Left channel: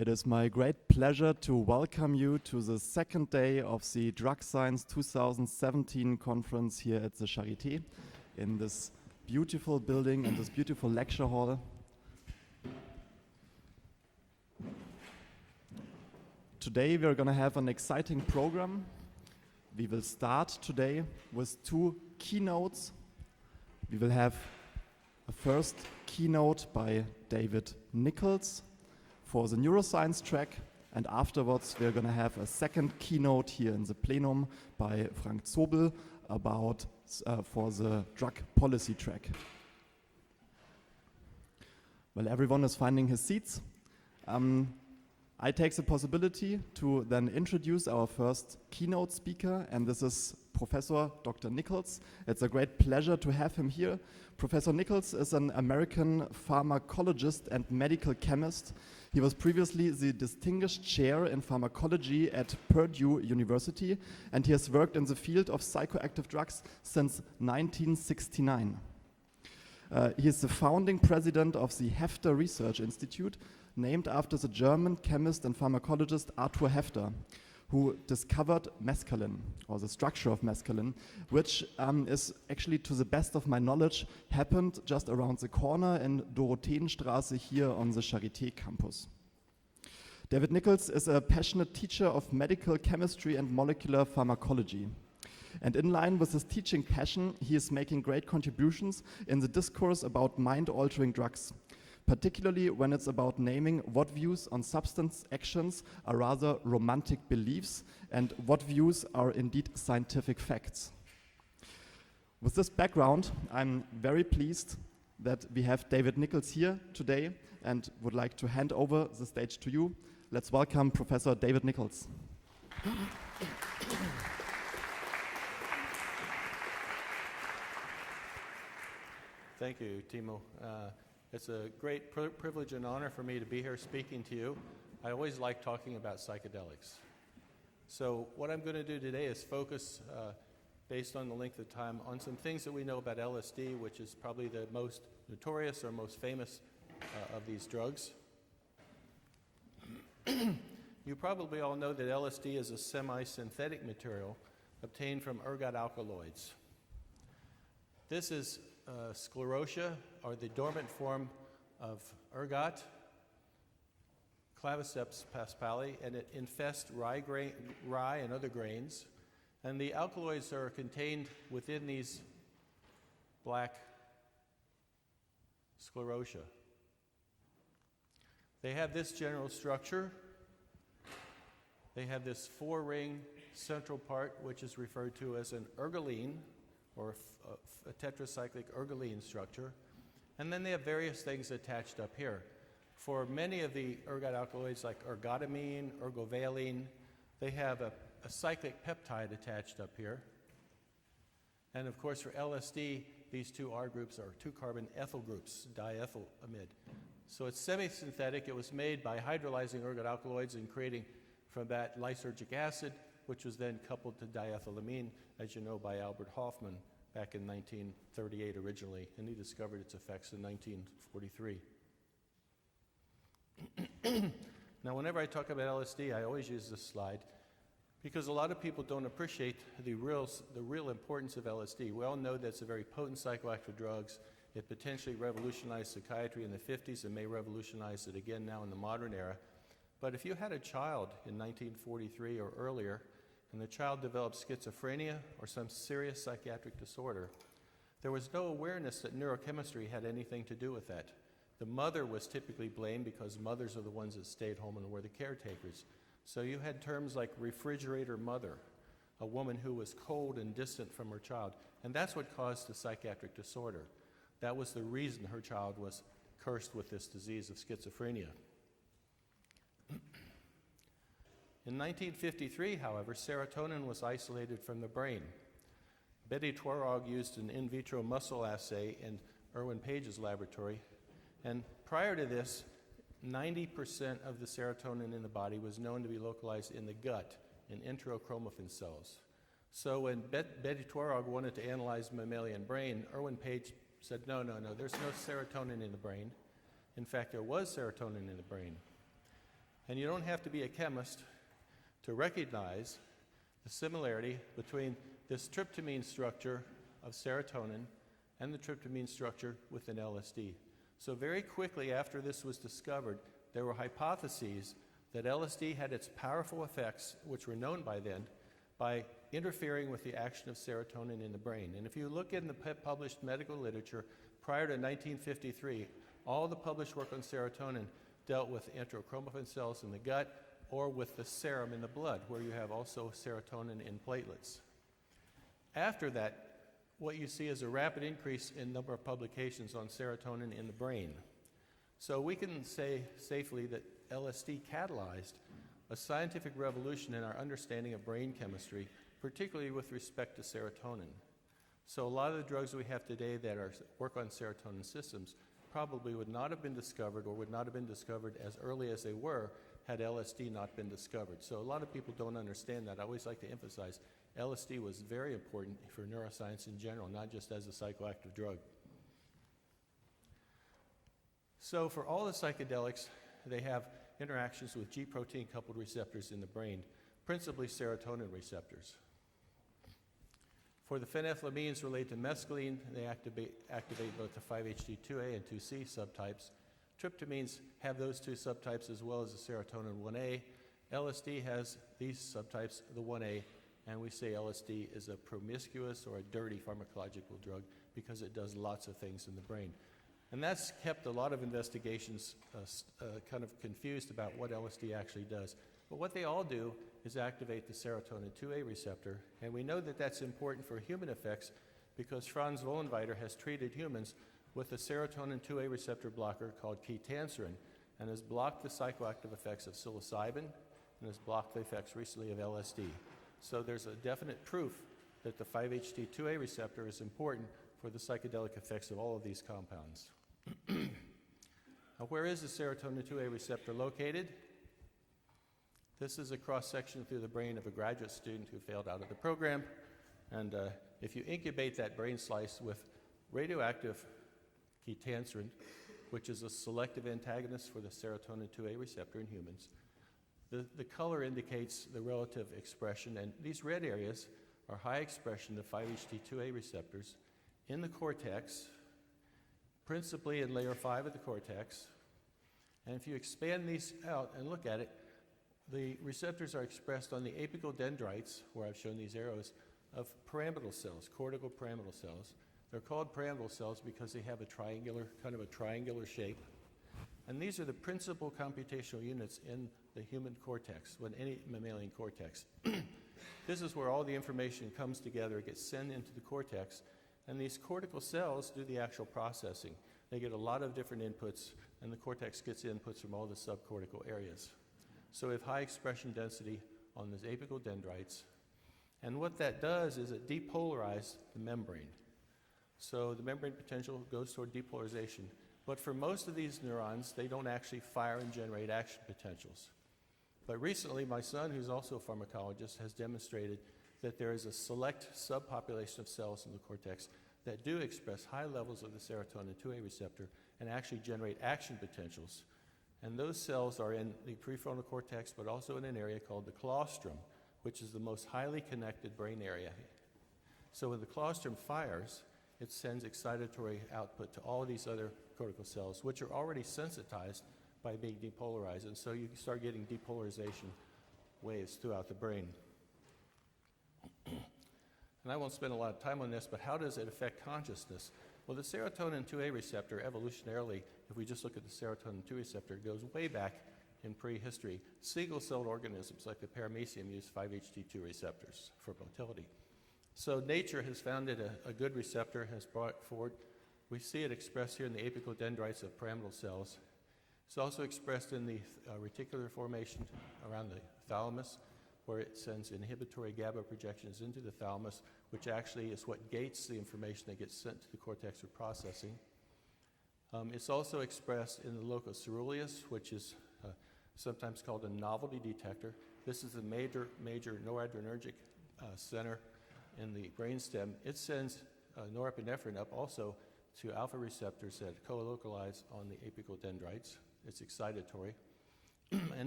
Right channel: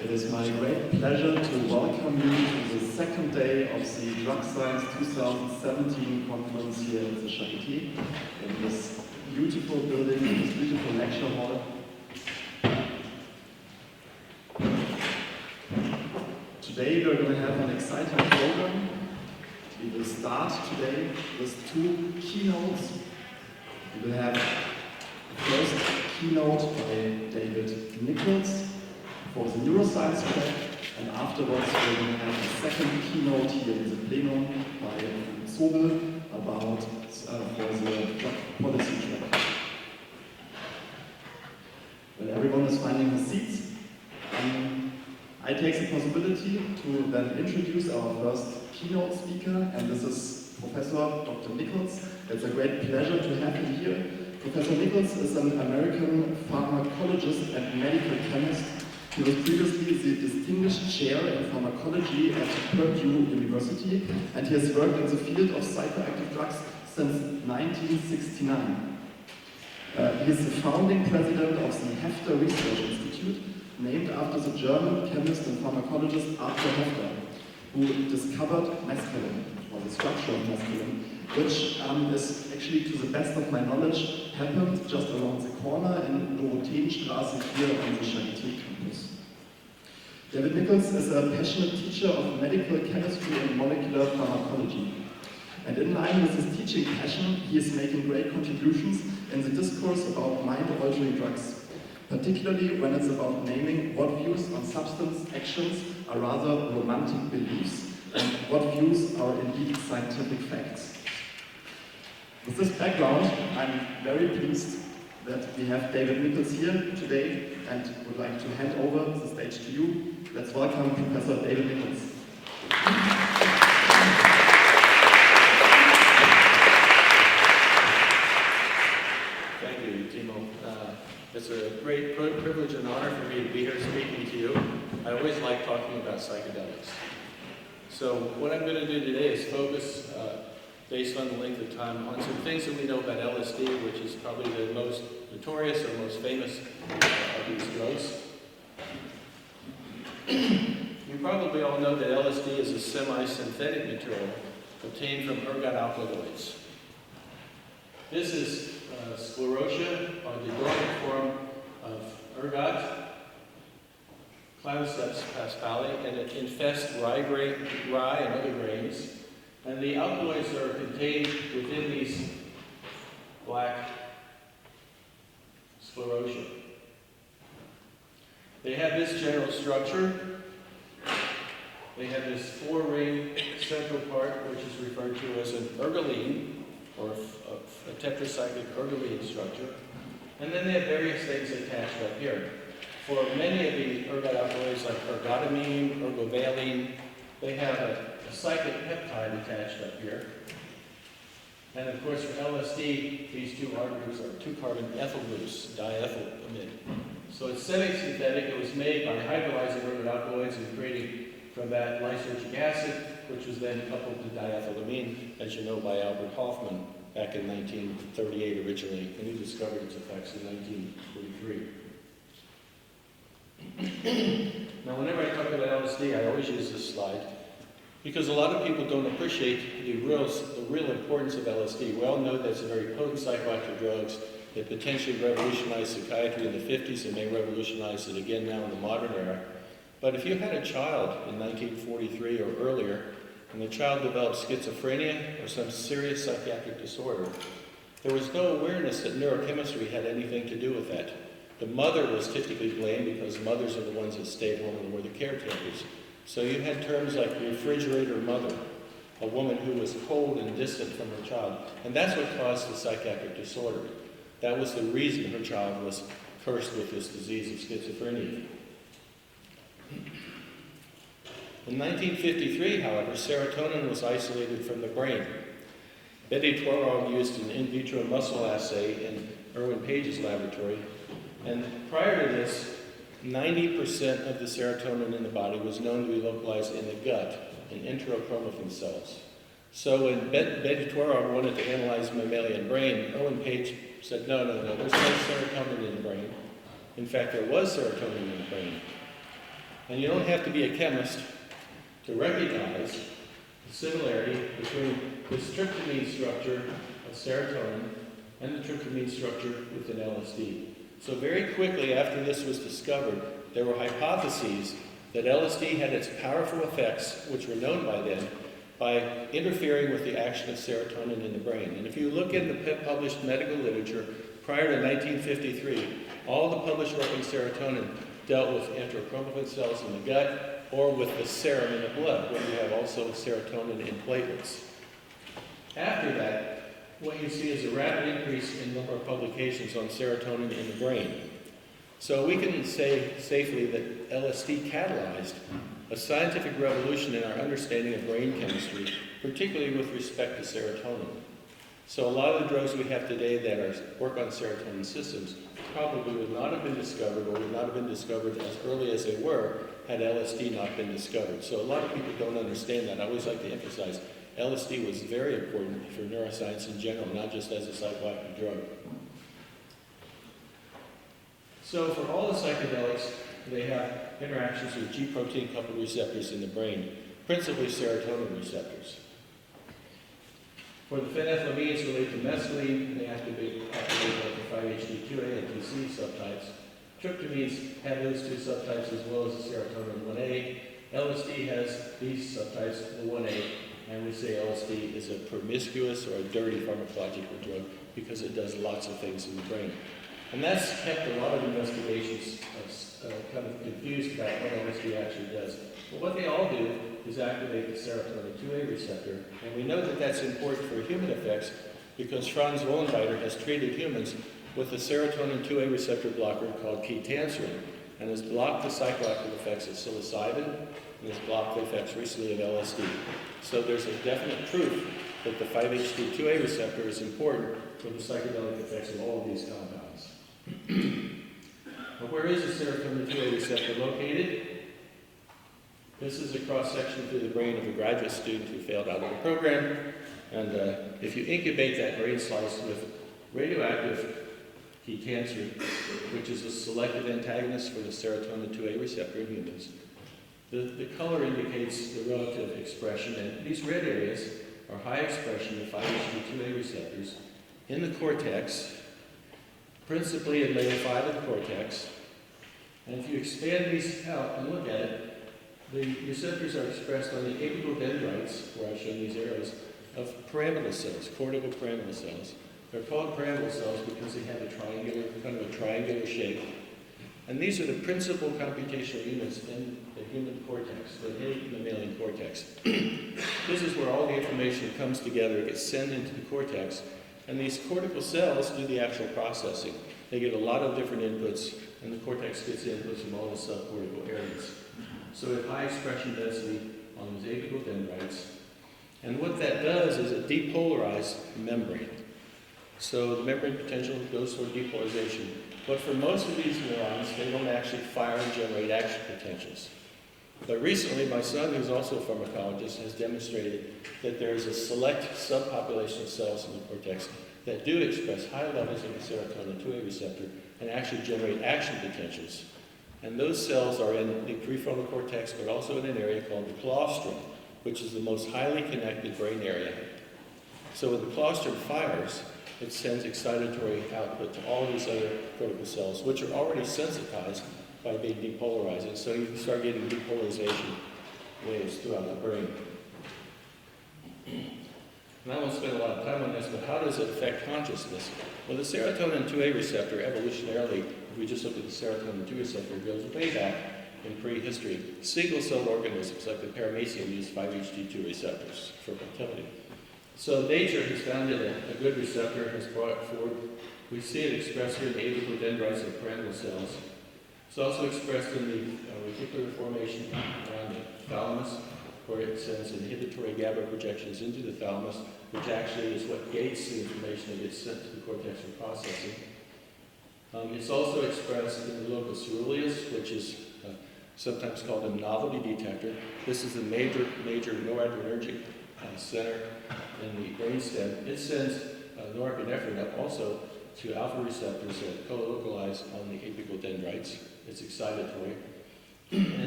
It is my great pleasure to welcome you to the second day of the Drug Science 2017 conference here at the Charité, in this beautiful building, in this beautiful lecture hall. Today we're going to have an exciting program. We will start today with two keynotes. We will have the first keynote by David Nichols for the Neuroscience track, and afterwards we're going to have a second keynote here in the plenum by Frank Zobel about for the drug policy track. When everyone is finding his seats, I take the possibility to then introduce our first keynote speaker, and this is Professor Dr. Nichols. It's a great pleasure to have him here. Professor Nichols is an American pharmacologist and medical chemist. He was previously the Distinguished Chair in Pharmacology at Purdue University, and he has worked in the field of psychoactive drugs since 1969. He is the founding president of the Hefter Research Institute, named after the German chemist and pharmacologist Arthur Hefter, who discovered mescaline, or the structure of mescaline, which is actually, to the best of my knowledge, happened just around the corner in Dorotheenstraße here on the Charité campus. David Nichols is a passionate teacher of medical chemistry and molecular pharmacology. And in line with his teaching passion, he is making great contributions in the discourse about mind-altering drugs, particularly when it's about naming what views on substance actions are rather romantic beliefs and what views are indeed scientific facts. With this background, I'm very pleased that we have David Nichols here today and would like to hand over the stage to you. Let's welcome Professor David Nichols. Thank you, Timo. It's a great privilege and honor for me to be here speaking to you. I always like talking about psychedelics. So what I'm going to do today is focus, based on the length of time, on some things that we know about LSD, which is probably the most notorious or most famous of these drugs. You probably all know that LSD is a semi-synthetic material obtained from ergot alkaloids. This is sclerotia, or the dormant form of ergot, Claviceps paspali, and it infests rye and other grains. And the alkaloids are contained within these black sclerotia. They have this general structure. They have this four-ring central part, which is referred to as an ergoline, or a tetracyclic ergoline structure. And then they have various things attached up here. For many of the ergot alkaloids, like ergotamine, ergovaline, they have a cyclic peptide attached up here. And of course, for LSD, these two R groups are 2-carbon ethyl groups, diethylamide. So it's semi-synthetic. It was made by hydrolyzing ergot alkaloids and creating from that lysergic acid, which was then coupled to diethylamine, as you know, by Albert Hofmann back in 1938 originally, and he discovered its effects in 1943. Now, whenever I talk about LSD, I always use this slide, because a lot of people don't appreciate the real importance of LSD. We all know that it's a very potent psychoactive drug. It potentially revolutionized psychiatry in the 50s and may revolutionize it again now in the modern era. But if you had a child in 1943 or earlier, and the child developed schizophrenia or some serious psychiatric disorder, there was no awareness that neurochemistry had anything to do with that. The mother was typically blamed because mothers are the ones that stayed home and were the caretakers. So you had terms like refrigerator mother, a woman who was cold and distant from her child. And that's what caused the psychiatric disorder. That was the reason her child was cursed with this disease of schizophrenia. In 1953, however, serotonin was isolated from the brain. Betty Twarong used an in vitro muscle assay in Irwin Page's laboratory, and prior to this, 90% of the serotonin in the body was known to be localized in the gut, in enterochromaffin cells. So when Betty Twarong wanted to analyze mammalian brain, Irwin Page said, no, there's no serotonin in the brain. In fact, there was serotonin in the brain. And you don't have to be a chemist to recognize the similarity between this tryptamine structure of serotonin and the tryptamine structure within LSD. So very quickly after this was discovered, there were hypotheses that LSD had its powerful effects, which were known by then, by interfering with the action of serotonin in the brain. And if you look in the published medical literature, prior to 1953, all the published work on serotonin dealt with enterochromaffin cells in the gut or with the serum in the blood, where you have also serotonin in platelets. After that, what you see is a rapid increase in number of publications on serotonin in the brain. So we can say safely that LSD catalyzed a scientific revolution in our understanding of brain chemistry, particularly with respect to serotonin. So a lot of the drugs we have today that work on serotonin systems probably would not have been discovered, or would not have been discovered as early as they were had LSD not been discovered. So a lot of people don't understand that. I always like to emphasize LSD was very important for neuroscience in general, not just as a psychoactive drug. So for all the psychedelics, they have interactions with G protein coupled receptors in the brain, principally serotonin receptors. For the phenethylamines related to mescaline, they activate both the 5-HT2A and 2C subtypes. Tryptamines have those two subtypes as well as the serotonin 1A. LSD has these subtypes, the 1A, and we say LSD is a promiscuous or a dirty pharmacological drug because it does lots of things in the brain. And that's kept a lot of investigations kind of confused about what LSD actually does. But what they all do is activate the serotonin 2A receptor. And we know that that's important for human effects because Franz Wollenreiter has treated humans with a serotonin 2A receptor blocker called ketanserin and has blocked the psychoactive effects of psilocybin and has blocked the effects recently of LSD. So there's a definite proof that the 5-HT2A receptor is important for the psychedelic effects of all of these compounds. Now, where is the serotonin 2A receptor located? This is a cross-section through the brain of a graduate student who failed out of the program. And if you incubate that brain slice with radioactive ketanserin, which is a selective antagonist for the serotonin 2A receptor in humans, the color indicates the relative expression, and these red areas are high expression of 5-HT2A receptors in the cortex, principally in layer 5 of the cortex. And if you expand these out and look at it, the receptors are expressed on the apical dendrites, where I've shown these arrows, of pyramidal cells, cortical pyramidal cells. They're called pyramidal cells because they have a triangular shape. And these are the principal computational units in the human cortex, the mammalian cortex. This is where all the information comes together, gets sent into the cortex, and these cortical cells do the actual processing. They get a lot of different inputs, and the cortex gets the inputs from all the subcortical areas. So we have high expression density on those apical dendrites. And what that does is it depolarizes the membrane. So the membrane potential goes toward depolarization. But for most of these neurons, they don't actually fire and generate action potentials. But recently, my son, who's also a pharmacologist, has demonstrated that there is a select subpopulation of cells in the cortex that do express high levels of the serotonin 2A receptor and actually generate action potentials. And those cells are in the prefrontal cortex, but also in an area called the colostrum, which is the most highly connected brain area. So when the colostrum fires, it sends excitatory output to all these other cortical cells, which are already sensitized by being depolarized. And so you can start getting depolarization waves throughout the brain. And I won't spend a lot of time on this, but how does it affect consciousness? Well, the serotonin 2A receptor, evolutionarily, if we just look at the serotonin 2 receptor, goes way back in prehistory. Single-celled organisms like the paramecium use 5-HT2 receptors for motility. So nature has found that a good receptor has brought forward. We see it expressed here in the apical dendrites of pyramidal cells. It's also expressed in the reticular formation around the thalamus, where it sends inhibitory GABA projections into the thalamus, which actually is what gates the information that gets sent to the cortex for processing. It's also expressed in the locus ceruleus, which is sometimes called a novelty detector. This is the major noradrenergic center in the brainstem. It sends norepinephrine up also to alpha receptors that co-localize on the apical dendrites. It's excitatory. And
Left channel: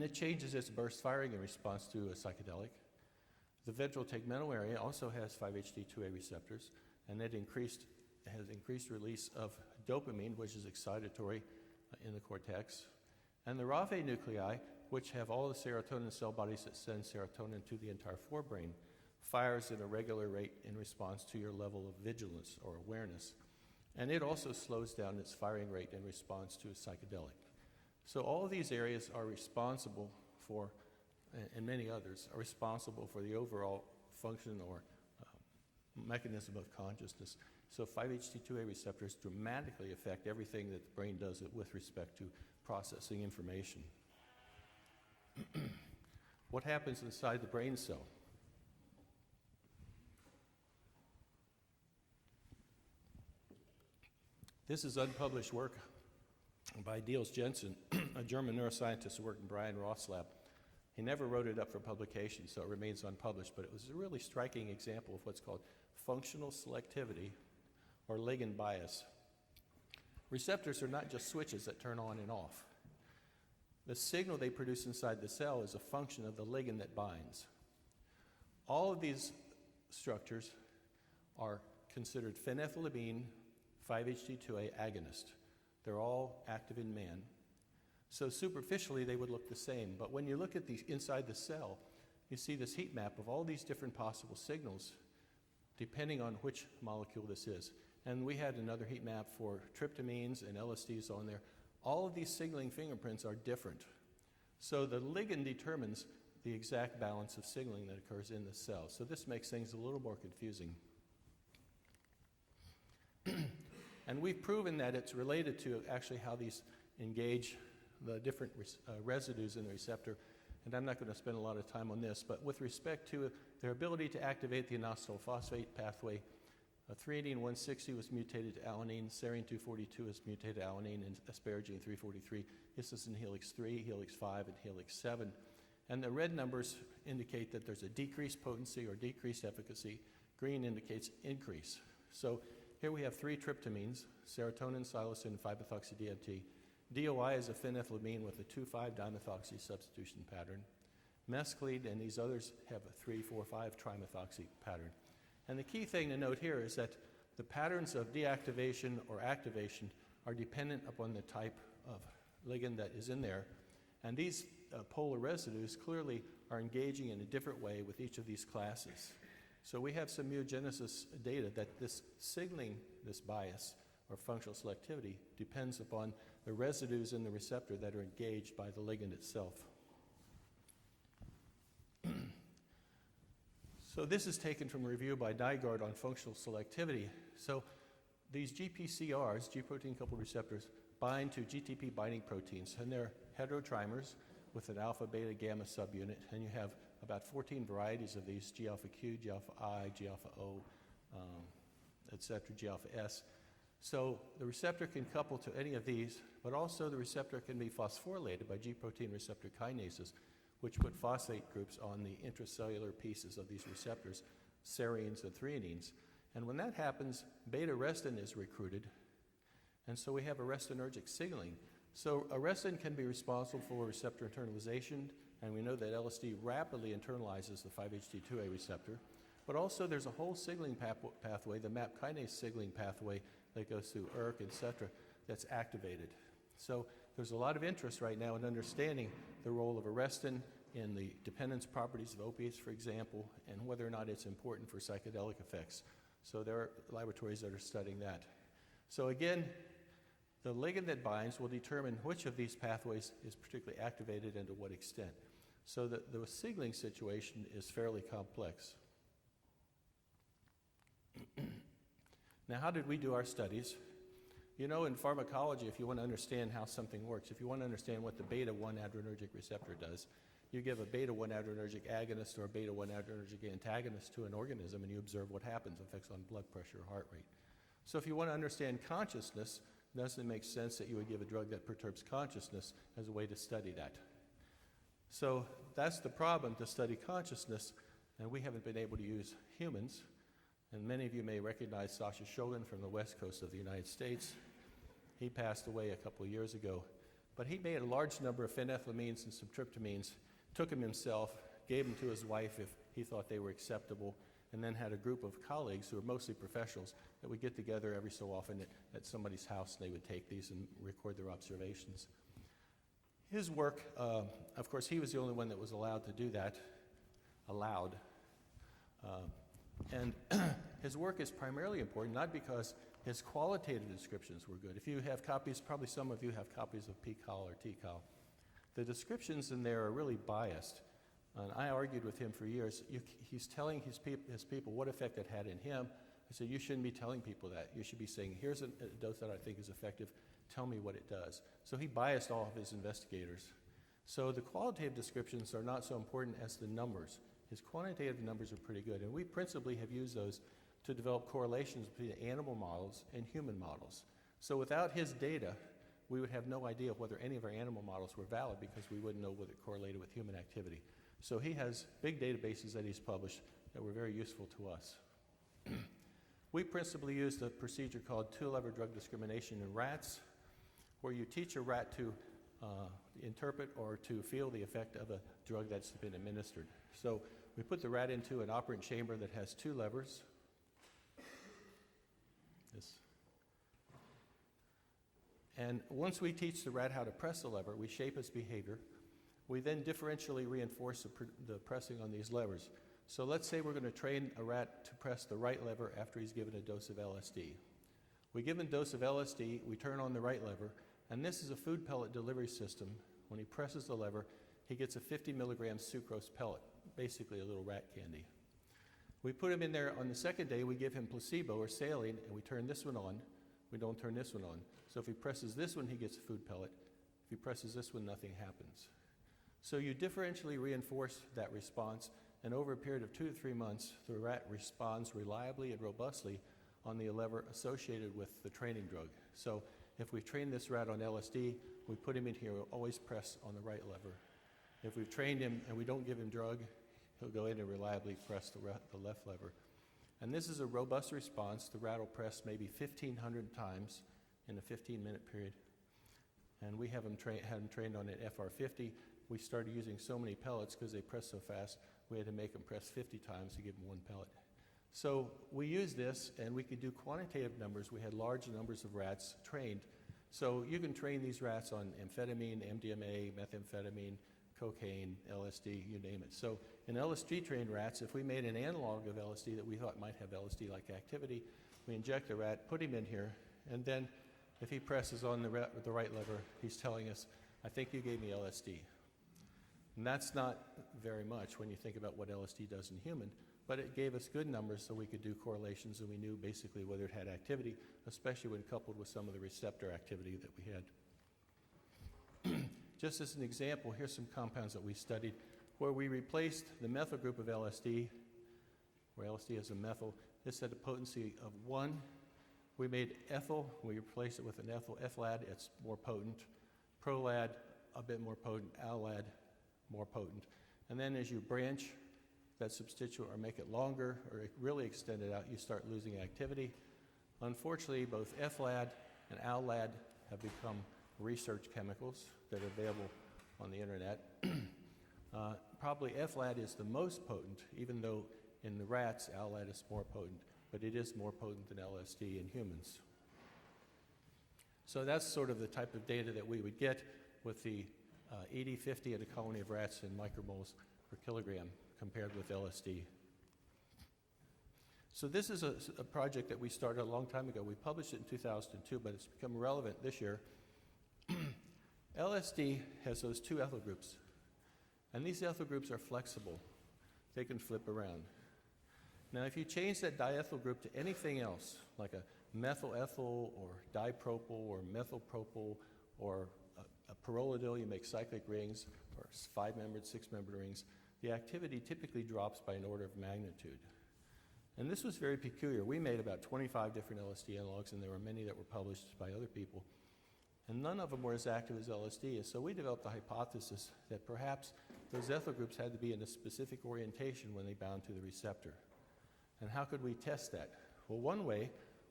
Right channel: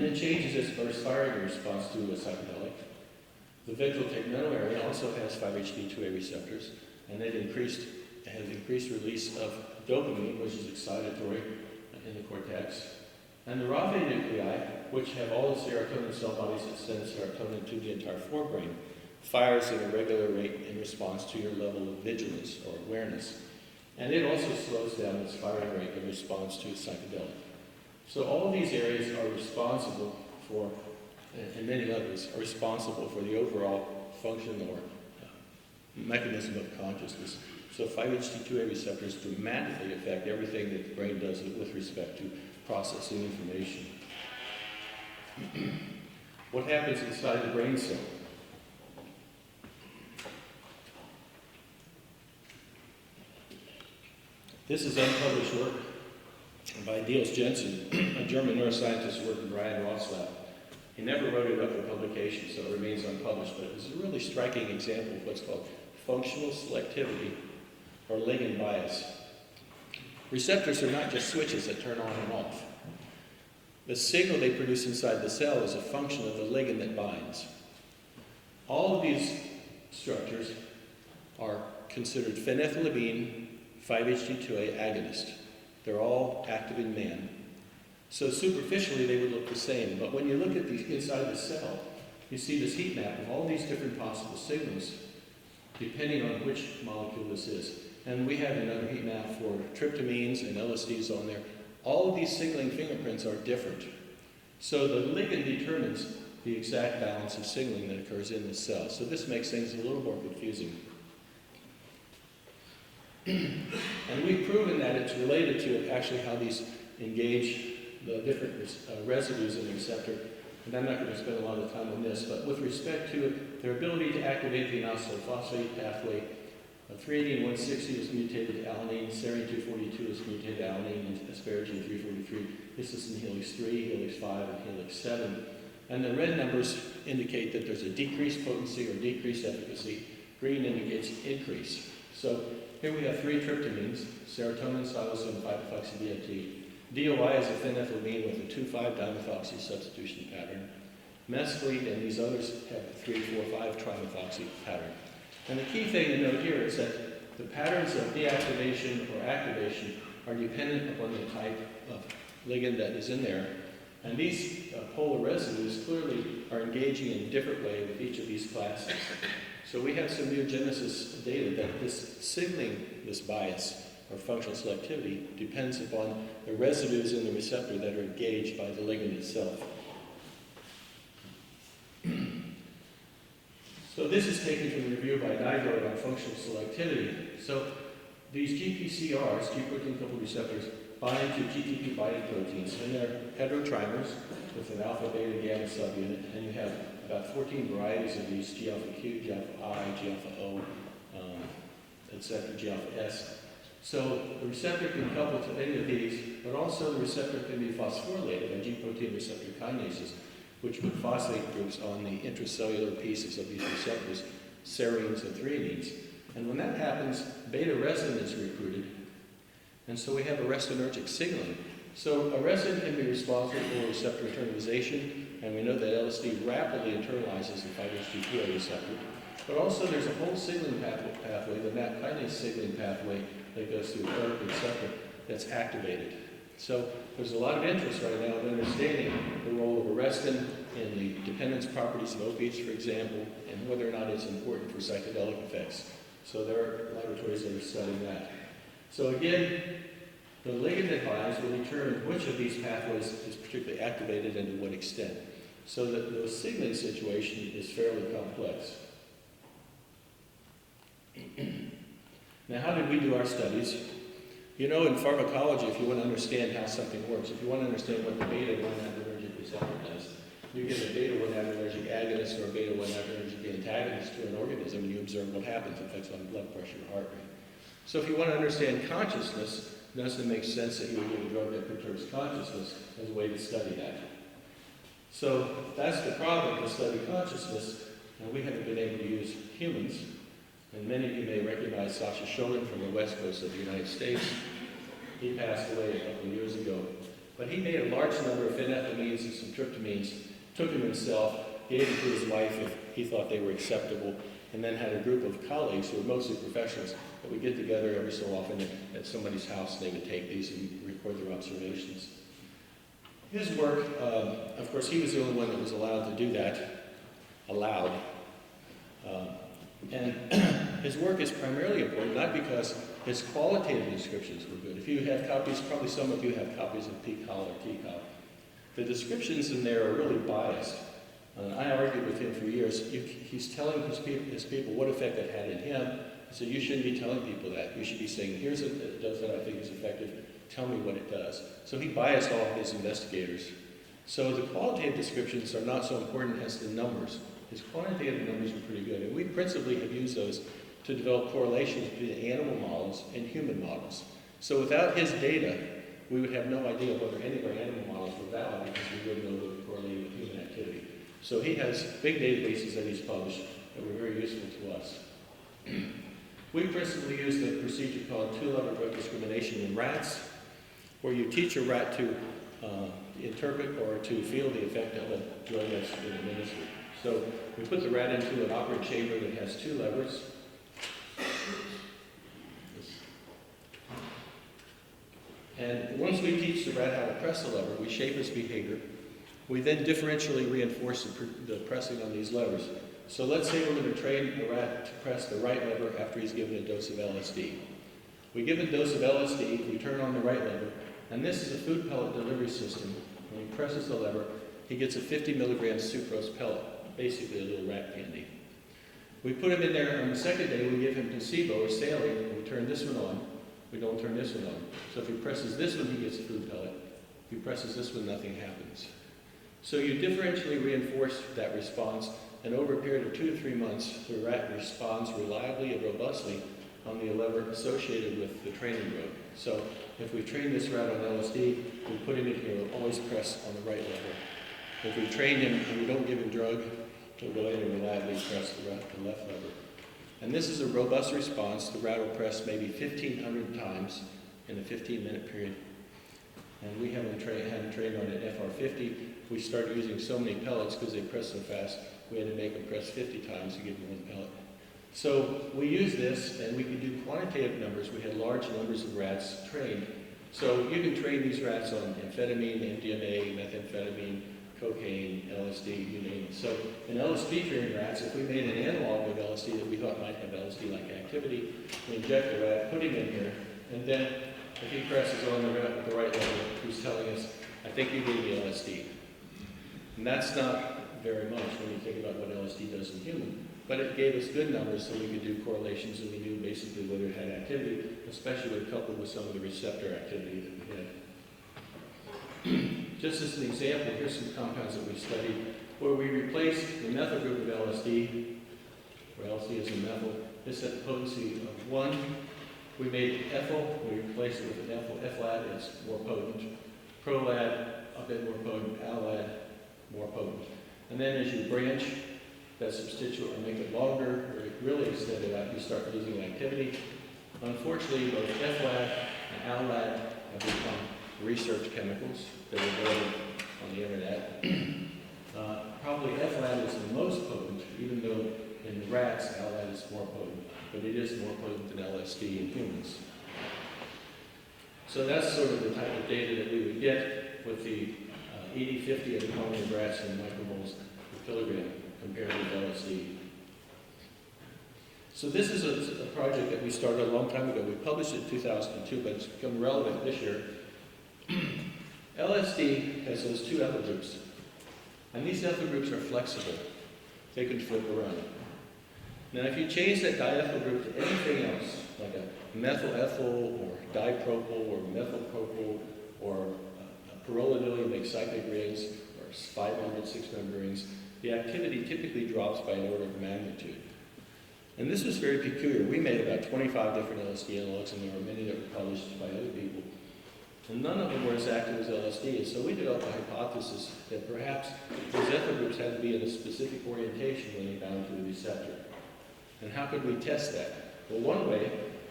and it changes its burst firing response to a psychedelic. The ventral tegmental area also has 5-HT2A receptors, and it has increased release of dopamine, which is excitatory in the cortex. And the Raphe nuclei, which have all the serotonin cell bodies that send serotonin to the entire forebrain, fires at a regular rate in response to your level of vigilance or awareness. And it also slows down its firing rate in response to a psychedelic. So all of these areas are responsible for, and many others, are responsible for the overall function or mechanism of consciousness. So 5-HT2A receptors dramatically affect everything that the brain does with respect to processing information. What happens inside the brain cell? This is unpublished work by Niels Jensen, a German neuroscientist who worked with Brian Roth's lab. He never wrote it up for publication, so it remains unpublished, but it was a really striking example of what's called functional selectivity or ligand bias. Receptors are not just switches that turn on and off. The signal they produce inside the cell is a function of the ligand that binds. All of these structures are considered phenethylamine 5-HT2A agonist. They're all active in man. So superficially they would look the same, but when you look at the inside the cell, you see this heat map of all these different possible signals depending on which molecule this is. And we have another heat map for tryptamines and LSDs on there. All of these signaling fingerprints are different. So the ligand determines the exact balance of signaling that occurs in the cell. So this makes things a little more confusing. And we've proven that it's related to actually how these engage the different residues in the receptor. And I'm not going to spend a lot of time on this, but with respect to it, their ability to activate the inositol-phosphate pathway, 3-160 is mutated alanine, serine 242 is mutated alanine, and asparagine 343. This is in helix 3, helix 5, and helix 7. And the red numbers indicate that there's a decreased potency or decreased efficacy. Green indicates increase. So here we have 3 tryptamines, serotonin, psilocin, 5-methoxy-DMT. DOI is a phenethylamine with a 2,5-dimethoxy substitution pattern. Mescaline and these others have a 3,4,5 trimethoxy pattern. And the key thing to note here is that the patterns of deactivation or activation are dependent upon the type of ligand that is in there. And these polar residues clearly are engaging in a different way with each of these classes. So we have some mutagenesis data that this signaling, this bias, or functional selectivity, depends upon the residues in the receptor that are engaged by the ligand itself. So this is taken from a review by Nygaard on functional selectivity. So these GPCRs, G protein coupled receptors, bind to GTP binding proteins, and they're heterotrimers with an alpha, beta, gamma subunit, and you have about 14 varieties of these, G alpha Q, G alpha I, G alpha O, etc., G alpha S. So the receptor can couple to any of these, but also the receptor can be phosphorylated by G protein receptor kinases, which put phosphate groups on the intracellular pieces of these receptors, serines and threonines. And when that happens, beta-resin is recruited, and so we have arrestinergic signaling. So arrestin can be responsible for receptor internalization, and we know that LSD rapidly internalizes the 5-HT2A receptor. But also there's a whole signaling pathway, the MAP kinase signaling pathway that goes through ERK, etc., that's activated. So there's a lot of interest right now in understanding the role of arrestin in the dependence properties of opiates, for example, and whether or not it's important for psychedelic effects. So there are laboratories that are studying that. So again, the ligand that binds will determine which of these pathways is particularly activated and to what extent. So that the signaling situation is fairly complex. Now, how did we do our studies? You know, in pharmacology, if you want to understand how something works, if you want to understand what the beta-1-adrenergic receptor does, you give a beta-1-adrenergic agonist or a beta-1-adrenergic antagonist to an organism, and you observe what happens, effects on blood pressure or heart rate. So if you want to understand consciousness, does it make sense that you would give a drug that perturbs consciousness as a way to study that? So that's the problem to study consciousness, and we haven't been able to use humans. And many of you may recognize Sasha Shogun from the west coast of the United States. He passed away a couple of years ago. But he made a large number of phenethylamines and some tryptamines, took them himself, gave it to his wife if he thought they were acceptable, and then had a group of colleagues who were mostly professionals that would get together every so often at somebody's house. They would take these and record their observations. His work, of course, he was the only one that was allowed to do that, and his work is primarily important, not because his qualitative descriptions were good. If you have copies, probably some of you have copies of PCAL or TCAL. The descriptions in there are really biased. I argued with him for years. He's telling his people what effect it had in him. I said, you shouldn't be telling people that. You should be saying, here's a dose that I think is effective. Tell me what it does. So he biased all of his investigators. So the qualitative descriptions are not so important as the numbers. His quantitative numbers are pretty good. And we principally have used those to develop correlations between animal models and human models. So without his data, we would have no idea whether any of our animal models were valid because we wouldn't know that they correlated with human activity. So he has big databases that he's published that were very useful to us. We principally use the procedure called two-level drug discrimination in rats, where you teach a rat to interpret or to feel the effect of a drug that's been administered. So we put the rat into an operant chamber that has two levers. And once we teach the rat how to press the lever, we shape its behavior. We then differentially reinforce the pressing on these levers. So let's say we're going to train a rat to press the right lever after he's given a dose of LSD. We give a dose of LSD, we turn on the right lever, and this is a food pellet delivery system. When he presses the lever, he gets a 50 milligram sucrose pellet, basically a little rat candy. We put him in there on the second day, we give him placebo or saline, and we turn this one on. We don't turn this one on. So if he presses this one, he gets a food pellet. If he presses this one, nothing happens. So you differentially reinforce that response, and over a period of 2 to 3 months, the rat responds reliably and robustly on the lever associated with the training drug. So if we train this rat on LSD, we put him in here, we'll always press on the right lever. If we train him and we don't give him drug, he'll go in and reliably press the left lever. And this is a robust response. The rat will press maybe 1,500 times in a 15-minute period. And we haven't trained on an FR50. We started using so many pellets because they press so fast, we had to make them press 50 times to give them one pellet. So we use this, and we could do quantitative numbers. We had large numbers of rats trained. So you can train these rats on amphetamine, MDMA, methamphetamine, cocaine, LSD, you name it. So in LSD-trained rats, if we made an analog of LSD that we thought might have LSD-like activity, we inject the rat, put him in here, and then if he presses on the rat with the right level, he's telling us, I think you gave me LSD. And that's not very much when you think about what LSD does in human. But it gave us good numbers so we could do correlations, and we knew basically whether it had activity, especially when coupled with some of the receptor activity that we had. Just as an example, here's some compounds that we studied where we replaced the methyl group of LSD, where LSD is a methyl. This had a potency of 1. We made ethyl, we replaced it with an ethyl. Ethlad, it's more potent. Prolad, a bit more potent. Alad, more potent. And then as you branch that substituent or make it longer, or really extend it out, you start losing activity. Unfortunately, both Ethlad and Alad have become research chemicals that are available on the internet. Probably Ethlad is the most potent, even though in the rats, Alad is more potent, but it is more potent than LSD in humans. So that's sort of the type of data that we would get with the ED50 of the colony of rats in micromoles per kilogram compared with LSD. So this is a project that we started a long time ago. We published it in 2002, but it's become relevant this year. LSD has those 2 ethyl groups, and these ethyl groups are flexible. They can flip around. Now if you change that diethyl group to anything else, like a methyl ethyl or dipropyl or methylpropyl or a pyrrolidine makes cyclic rings or 5-membered, 6-membered rings, the activity typically drops by an order of magnitude. And this was very peculiar. We made about 25 different LSD analogs, and there were many that were published by other people. And none of them were as active as LSD is. So we developed a hypothesis that perhaps those ethyl groups had to be in a specific orientation when they bound to the receptor. And how could we test that? Well, one way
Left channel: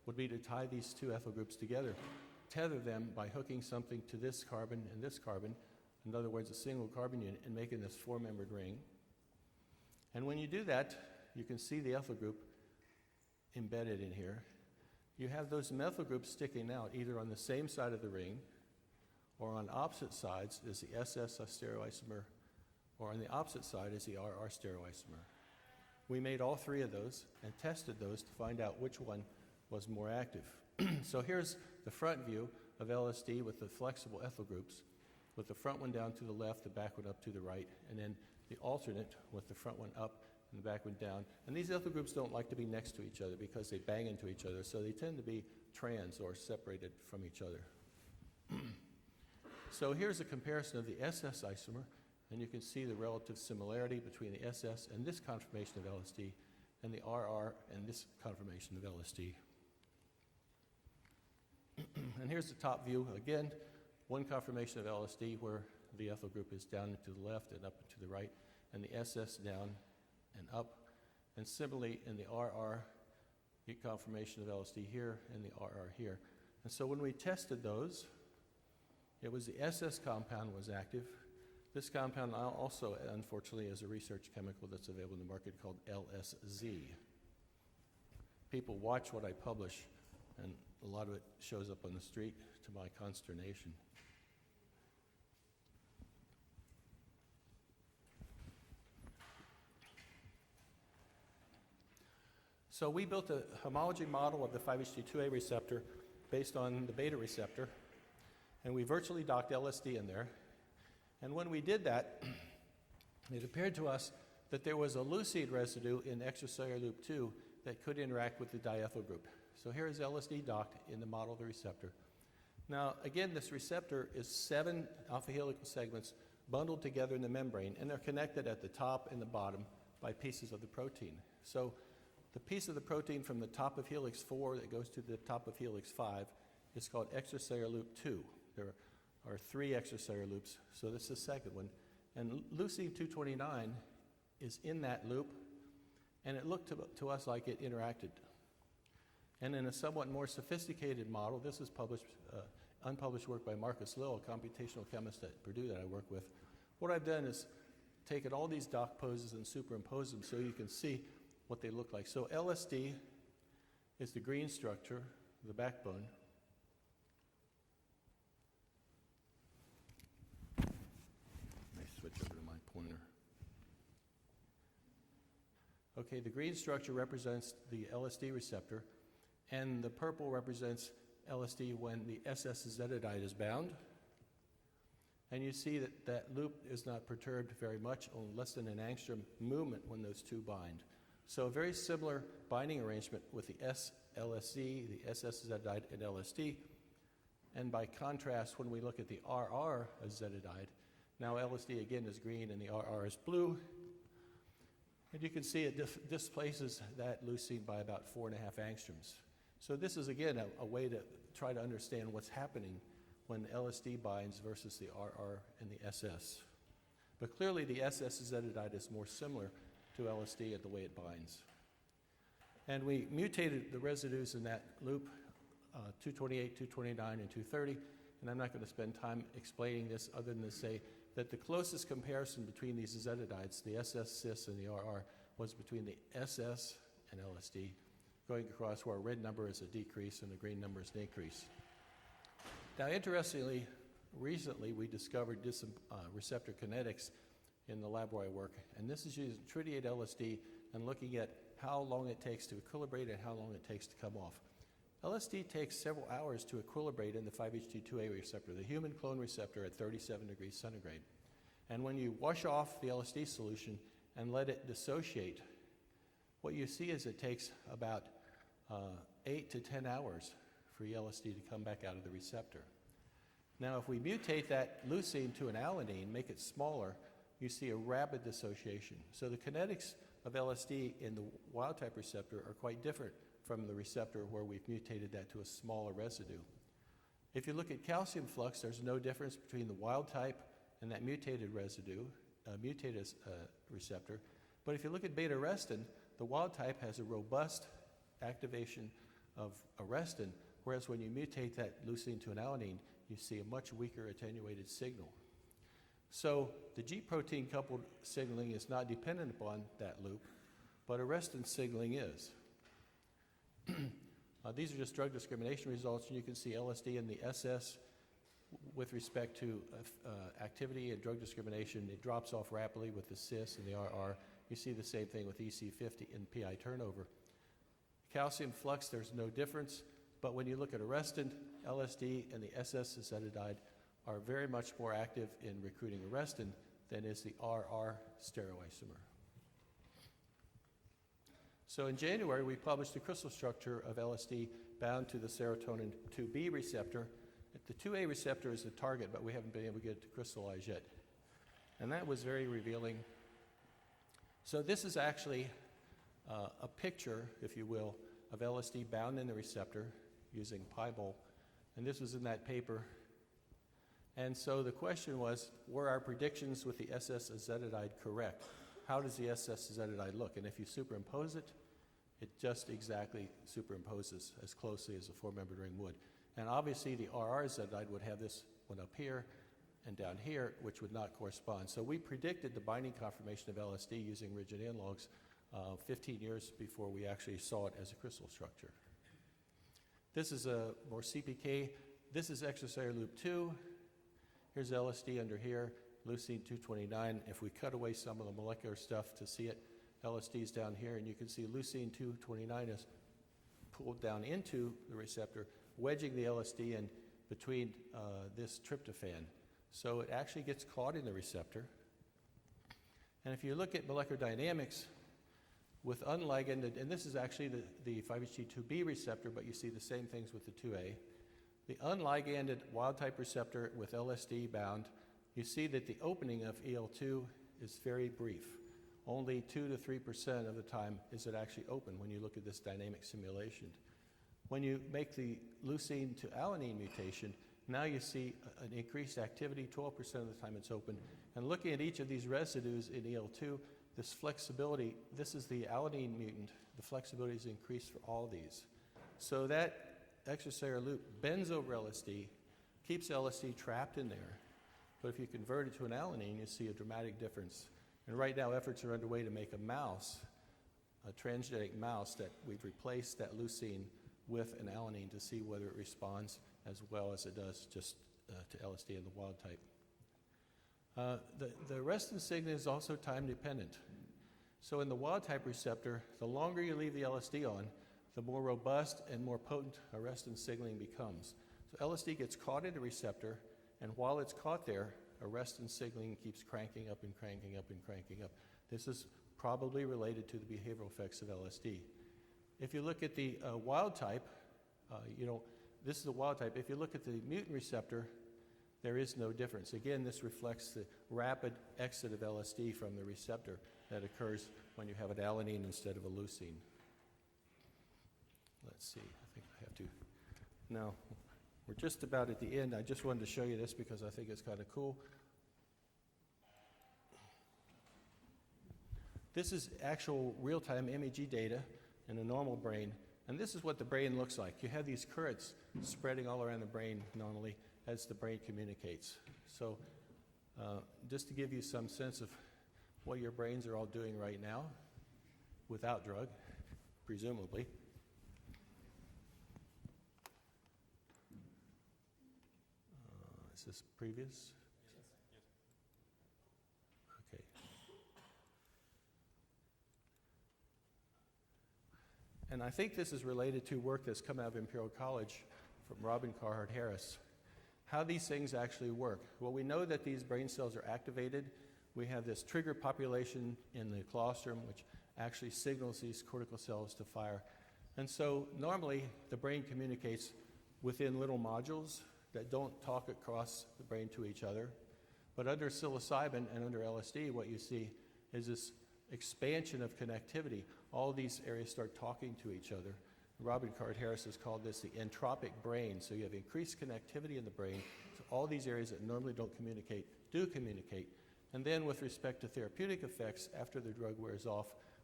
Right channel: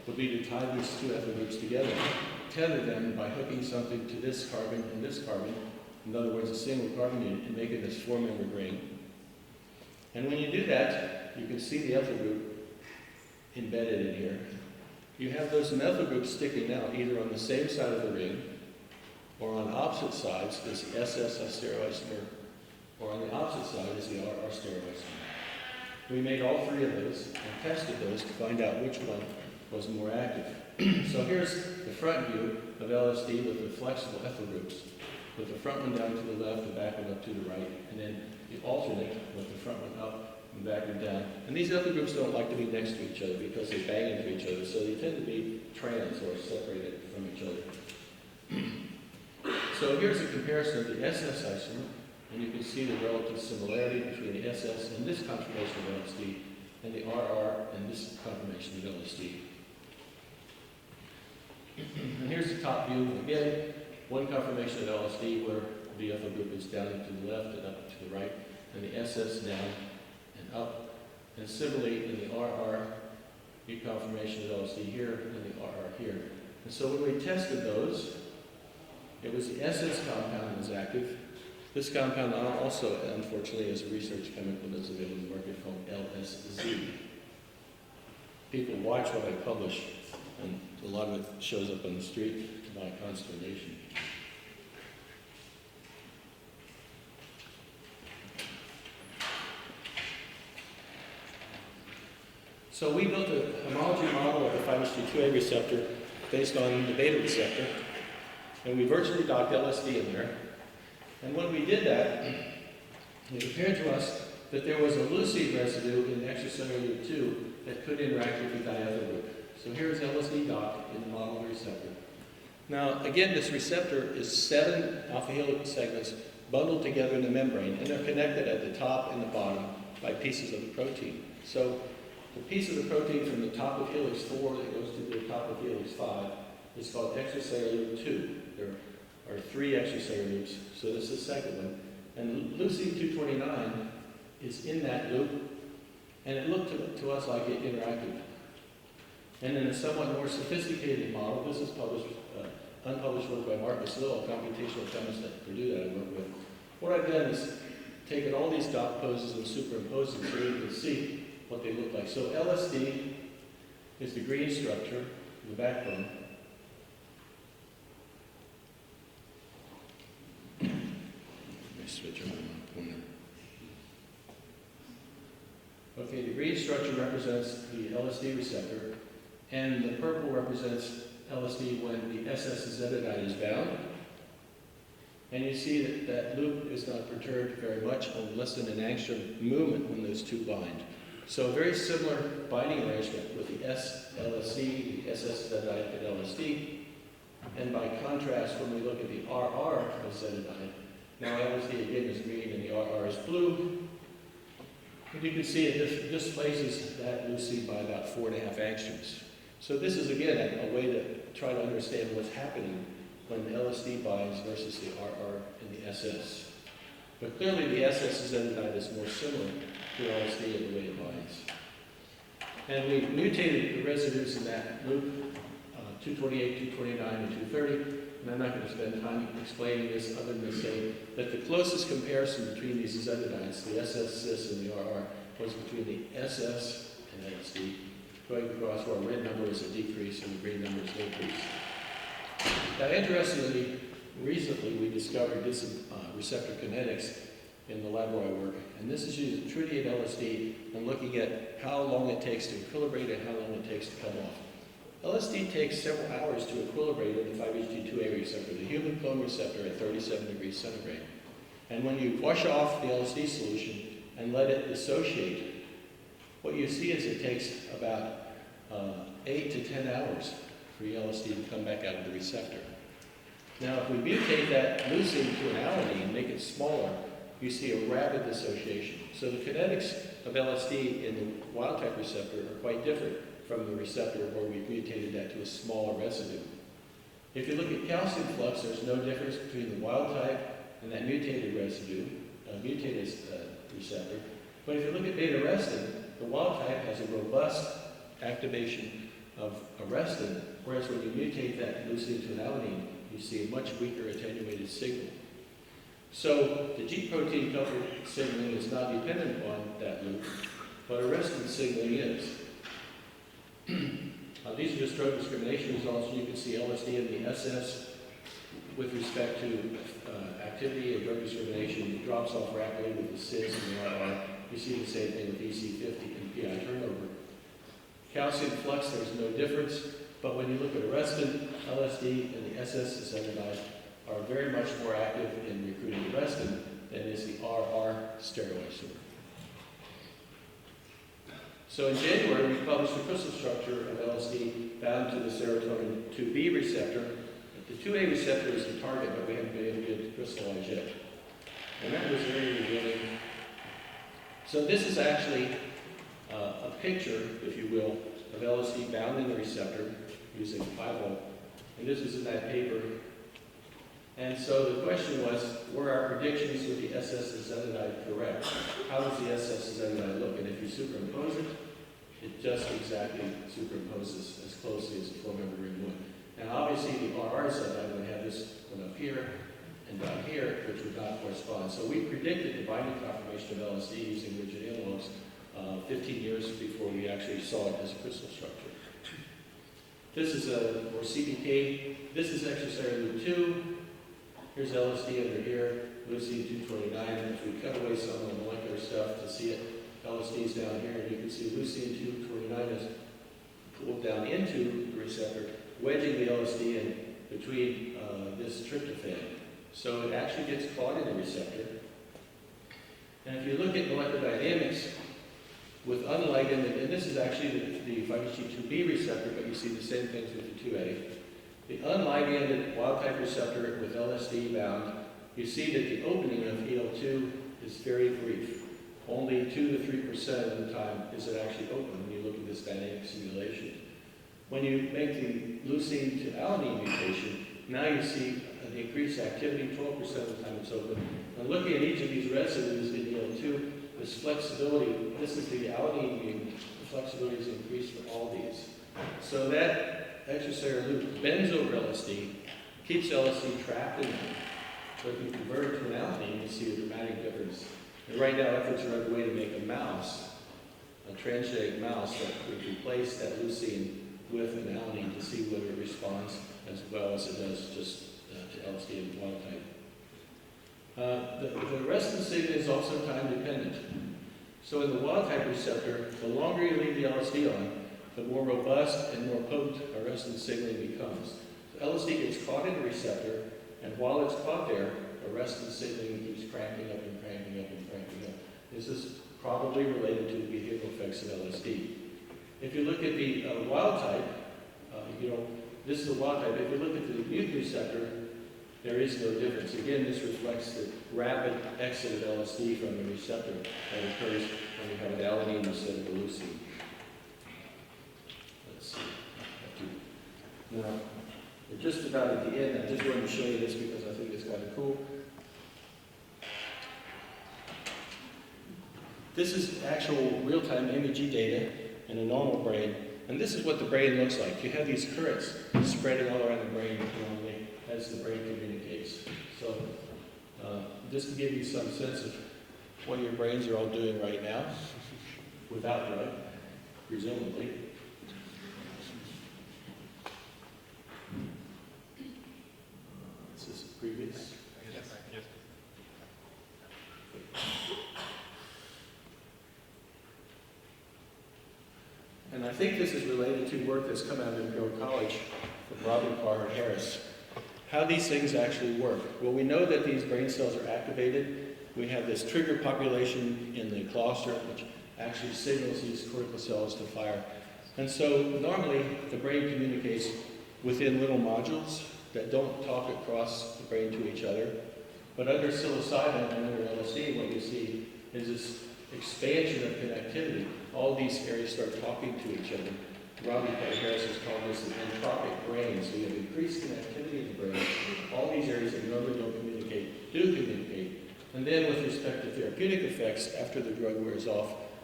will be to tie these two ethyl groups together, tether them by hooking something to this carbon and this carbon, in other words, a single carbon unit, and making this four-membered ring. And when you do that, you can see the ethyl group embedded in here. You have those methyl groups sticking out either on the same side of the ring or on opposite sides. There's the SS stereoisomer, or on the opposite side is the RR stereoisomer. We made all three of those and tested those to find out which one was more active. So here's the front view of LSD with the flexible ethyl groups, with the front one down to the left, the back one up to the right, and then the alternate with the front one up and the back one down. And these ethyl groups don't like to be next to each other because they bang into each other, so they tend to be trans or separated from each other. So here's a comparison of the SS isomer, and you can see the relative similarity between the SS and this conformation of LSD and the RR and this conformation of LSD. And here's the top view. Again, one conformation of LSD where the ethyl group is down and to the left and up and to the right, and the SS down and up. And similarly in the RR, the conformation of LSD here and the RR here. And so when we tested those, it was the SS compound that was active. This compound also, unfortunately, is a research chemical that's available in the market called LSD. People watch what I publish, and a lot of it shows up on the street to my consternation. So we built a homology model of the 5-HT2A receptor based on the beta receptor, and we virtually docked LSD in there. And when we did that, it appeared to us that there was a leucine residue in extracellular 2 that could interact with the diethyl group. So here's LSD docked in the model of the receptor. Now, again, this receptor is 7 alpha helical segments bundled together in the membrane, and they're connected at the top and the bottom by pieces of the protein. So the piece of the protein from the top of helix 4 that goes to the top of helix 5 is called extracellular 2. There are 3 extracellular loops, so this is the second one. And leucine 229 is in that loop, and it looked to us like it interacted. And in a somewhat more sophisticated model, this is published, unpublished work by Marcus Lill, a computational chemist at Purdue that I work with. What I've done is taken all these dot poses and superimposed them so you can see what they look like. So LSD is the green structure, the backbone. Let me switch over my pointer. Okay, the green structure represents the LSD receptor, and the purple represents LSD when the SS azetidide is bound. And you see that that loop is not perturbed very much, on less than an angstrom movement when those two bind. So a very similar binding arrangement with the S-LSD, the SS azetidide and LSD. And by contrast, when we look at the RR azetidide, now LSD again is green and the RR is blue. And you can see it displaces that leucine by about 4.5 angstroms. So this is again a way to try to understand what's happening when LSD binds versus the RR and the SS. But clearly the SS azetidide is more similar to LSD in the way it binds. And we mutated the residues in that loop, 228, 229, and 230. And I'm not going to spend time explaining this other than to say that the closest comparison between these azetidides, the SS cis and the RR, was between the SS and LSD, going across where red number is a decrease and the green number is an increase. Now, interestingly, recently we discovered this receptor kinetics in the lab where I work, and this is using tritium LSD and looking at how long it takes to equilibrate and how long it takes to come off. LSD takes several hours to equilibrate in the 5-HT2A receptor, the human clone receptor at 37 degrees centigrade. And when you wash off the LSD solution and let it dissociate, what you see is it takes about 8 to 10 hours for the LSD to come back out of the receptor. Now, if we mutate that leucine to an alanine and make it smaller, you see a rapid dissociation. So the kinetics of LSD in the wild-type receptor are quite different from the receptor where we've mutated that to a smaller residue. If you look at calcium flux, there's no difference between the wild-type and that mutated residue, mutated receptor. But if you look at beta-arrestin, the wild-type has a robust activation of arrestin, whereas when you mutate that leucine to an alanine, you see a much weaker attenuated signal. So the G protein coupled signaling is not dependent upon that loop, but arrestin signaling is. These are just drug discrimination results. You can see LSD and the SS with respect to activity and drug discrimination. It drops off rapidly with the CIS and the RR. You see the same thing with EC50 and PI turnover. Calcium flux, there's no difference, but when you look at arrestin, LSD, and the SS acetonide are very much more active in recruiting arrestin than is the RR steroid. So in January, we published the crystal structure of LSD bound to the serotonin 2B receptor. The 2A receptor is the target, but we haven't been able to get it crystallized yet. And that was very revealing. So this is actually a picture, if you will, of LSD bound in the receptor using 5-volt. And this was in that paper. And so the question was, were our predictions with the SS acetonide correct? How does the SS acetonide look? And if you superimpose it, it just exactly superimposes as closely as a 4-member ring would. Now obviously the RR acetonide would have this one up here and down here, which would not correspond. So we predicted the binding conformation of LSD using rigid analogs 15 years before we actually saw it as a crystal structure. This is a more CBT. This is extracellular loop 2. Here's LSD under here, leucine 229, and if we cut away some of the molecular stuff to see it, LSD is down here, and you can see leucine 229 is pulled down into the receptor, wedging the LSD in between this tryptophan. So it actually gets caught in the receptor. And if you look at molecular dynamics with unliganded, and this is actually the 5HT2B receptor, but you see the same things with the 2A. The unliganded wild-type receptor with LSD bound, you see that the opening of EL2 is very brief. Only 2 to 3% of the time is it actually open when you look at this dynamic simulation. When you make the leucine to alanine mutation, now you see an increased activity, 12% of the time it's open. And looking at each of these residues in EL2, this flexibility, this is the alanine mutant, the flexibility is increased for all these. So that extracellular loop bends over LSD, keeps LSD trapped in there. So if you convert it to an alanine, you see a dramatic difference. And right now, efforts are underway to make a mouse, a transgenic mouse that would replace that leucine with an alanine to see whether it responds as well as it does just to LSD and wild type. The arrestin signal is also time dependent. So in the wild type receptor, the longer you leave the LSD on, the more robust and more potent arrestin signaling becomes. So LSD gets caught in the receptor, and while it's caught there, arrestin signaling keeps cranking up and cranking up and cranking up. This is probably related to the behavioral effects of LSD. If you look at the wild type, this is the wild type. If you look at the mutant receptor, there is no difference. Again, this reflects the rapid exit of LSD from the receptor that occurs when you have an alanine instead of a leucine. Now, we're just about at the end. I just wanted to show you this because I think it's kind of cool. This is actual real-time MEG data in a normal brain, and this is what the brain looks like. You have these currents spreading all around the brain normally as the brain communicates. So, just to give you some sense of what your brains are all doing right now, without drug, presumably. Previous? Yes. And I think this is related to work that's come out of Imperial College from Robin Carr and Harris. How these things actually work. Well, we know that these brain cells are activated. We have this trigger population in the cluster, which actually signals these cortical cells to fire. And so normally the brain communicates within little modules that don't talk across the brain to each other. But under psilocybin and under LSD, what you see is this expansion of connectivity. All these areas start talking to each other. Robin Carr Harris has called this an entropic brain. So you have increased connectivity in the brain. All these areas that normally don't communicate do communicate. And then with respect to therapeutic effects, after the drug wears off,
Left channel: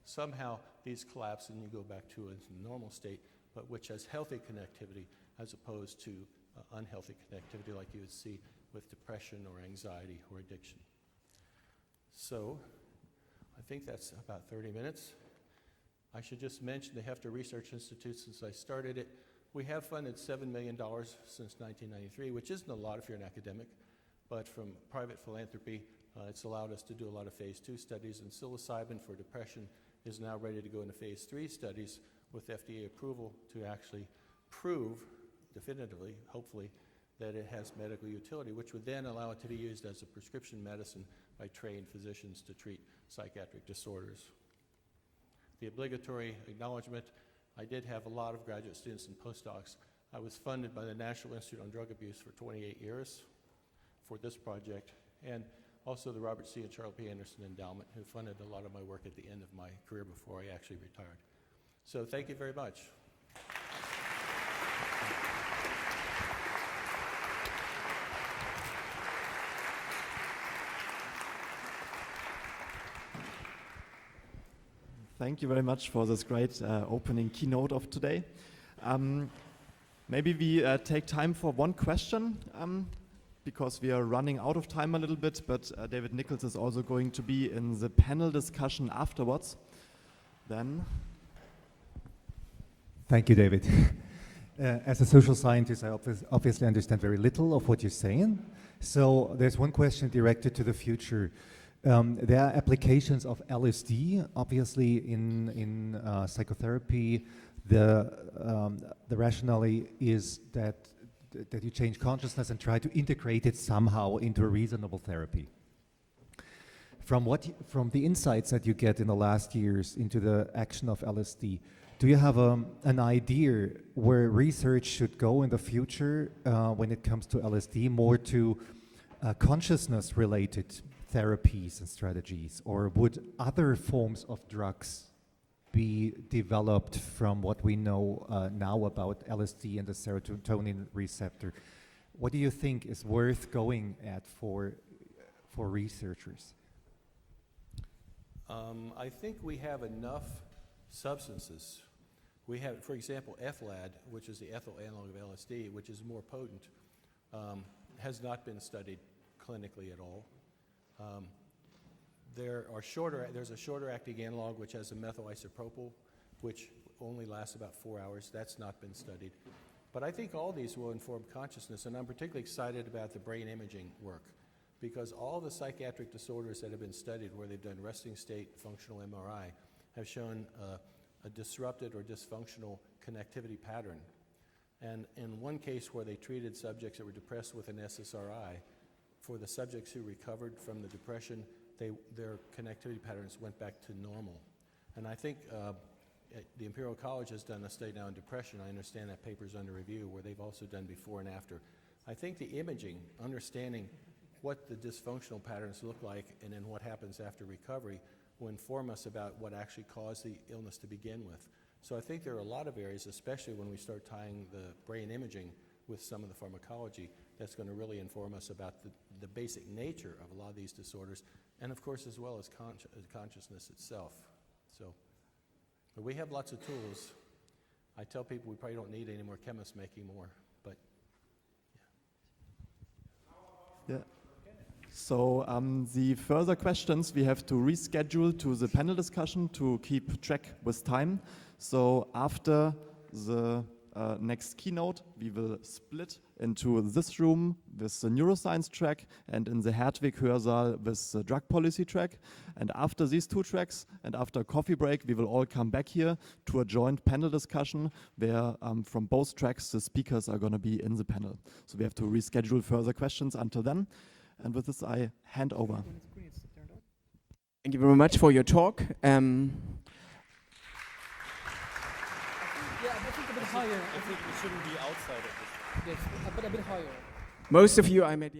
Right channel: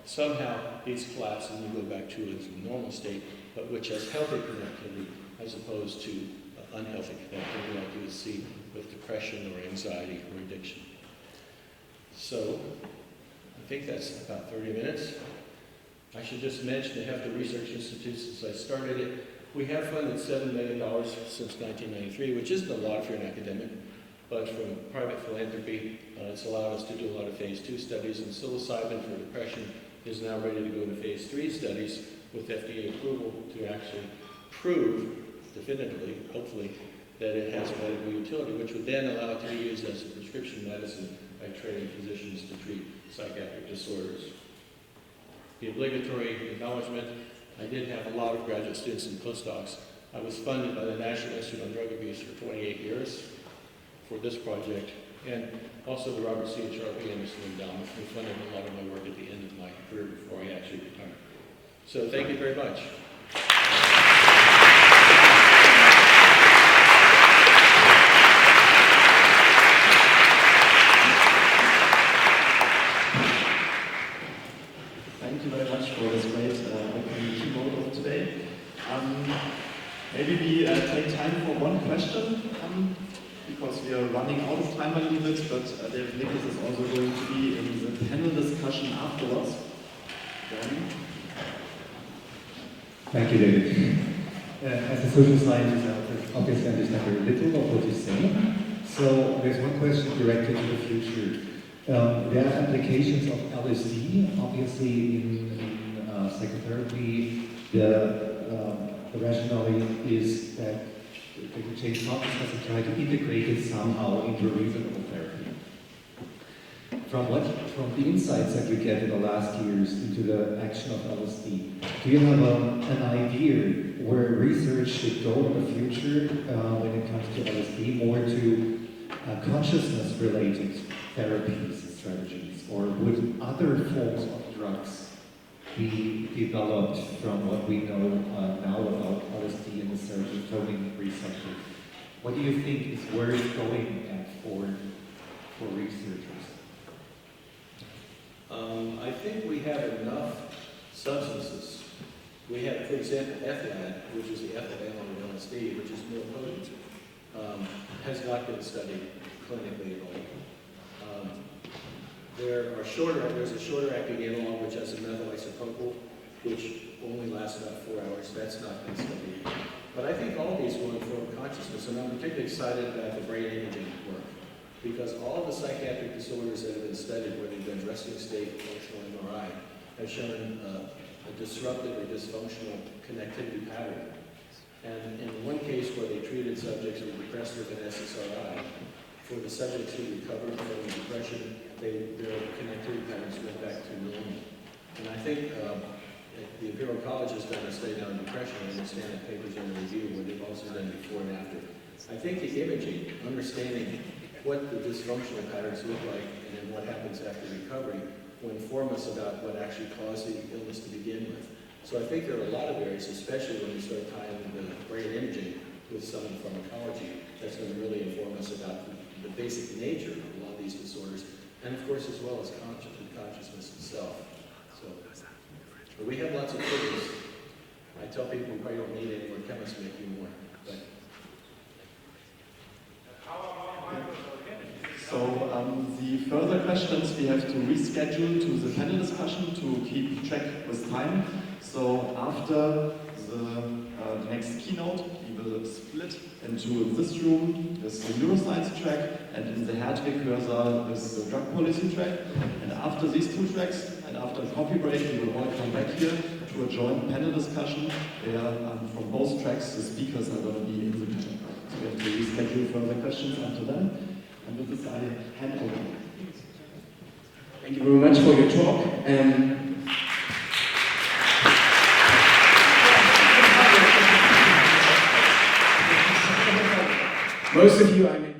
somehow these collapse and you go back to a normal state, but which has healthy connectivity as opposed to unhealthy connectivity like you would see with depression or anxiety or addiction. So, I think that's about 30 minutes. I should just mention the Hefter Research Institute, since I started it, we have funded $7 million since 1993, which isn't a lot if you're an academic, but from private philanthropy, it's allowed us to do a lot of phase 2 studies, and psilocybin for depression is now ready to go to phase 3 studies with FDA approval to actually prove definitively, hopefully, that it has medical utility, which would then allow it to be used as a prescription medicine by trained physicians to treat psychiatric disorders. The obligatory acknowledgement, I did have a lot of graduate students and postdocs. I was funded by the National Institute on Drug Abuse for 28 years for this project, and also the Robert C. and Charles P. Anderson Endowment, who funded a lot of my work at the end of my career before I actually retired. So thank you very much. Thank you very much for this great opening keynote of today. Maybe we take time for one question, because we are running out of time a little bit, but David Nichols is also going to be in the panel discussion afterwards. Thank you, David. As a social scientist, I obviously understand very little of what you're saying. So there's one question directed to the future. There are applications of LSD, obviously in psychotherapy. The rationale is that they could change consciousness and try to integrate it somehow into reasonable therapy. From the insights that you get in the last years into the action of LSD, do you have an idea where research should go in the future when it comes to LSD, more to consciousness-related therapies and strategies, or would other forms of drugs be developed from what we know now about LSD and the serotonin receptor? What do you think is worth going at for researchers? I think we have enough substances. We have, for example, ethylad, which is the ethyl analog of LSD, which is more potent, has not been studied clinically at all. There's a shorter acting analog which has a methyl isopropyl, which only lasts about 4 hours. That's not been studied. But I think all these will inform consciousness, and I'm particularly excited about the brain imaging work, because all the psychiatric disorders that have been studied, where they've been resting state, functional MRI, have shown a disrupted or dysfunctional connectivity pattern. And in one case where they treated subjects with depressed with an SSRI, for the subjects who recovered from depression, their connectivity patterns went back to normal. And I think the Imperial College has done a study on depression. I understand that paper's under review, where they've also done before and after. I think the imaging, understanding what the dysfunctional patterns look like and then what happens after recovery, will inform us about what actually caused the illness to begin with. So I think there are a lot of areas, especially when we start tying the brain imaging with some of the pharmacology, that's going to really inform us about the basic nature of a lot of these disorders, and of course as well as consciousness itself. So we have lots of tools. I tell people we probably don't need any more chemists making more. But So the further questions we have to reschedule to the panel discussion to keep track with time. So after the next keynote, we will split into this room with the neuroscience track, and in the Hertwig Hörsaal with the drug policy track. And after these two tracks, and after a coffee break, we will all come back here to a joint panel discussion where from both tracks the speakers are going to be in the panel. So we have to reschedule further questions until then. And with this, I hand over. Thank you very much for your talk. Most of you,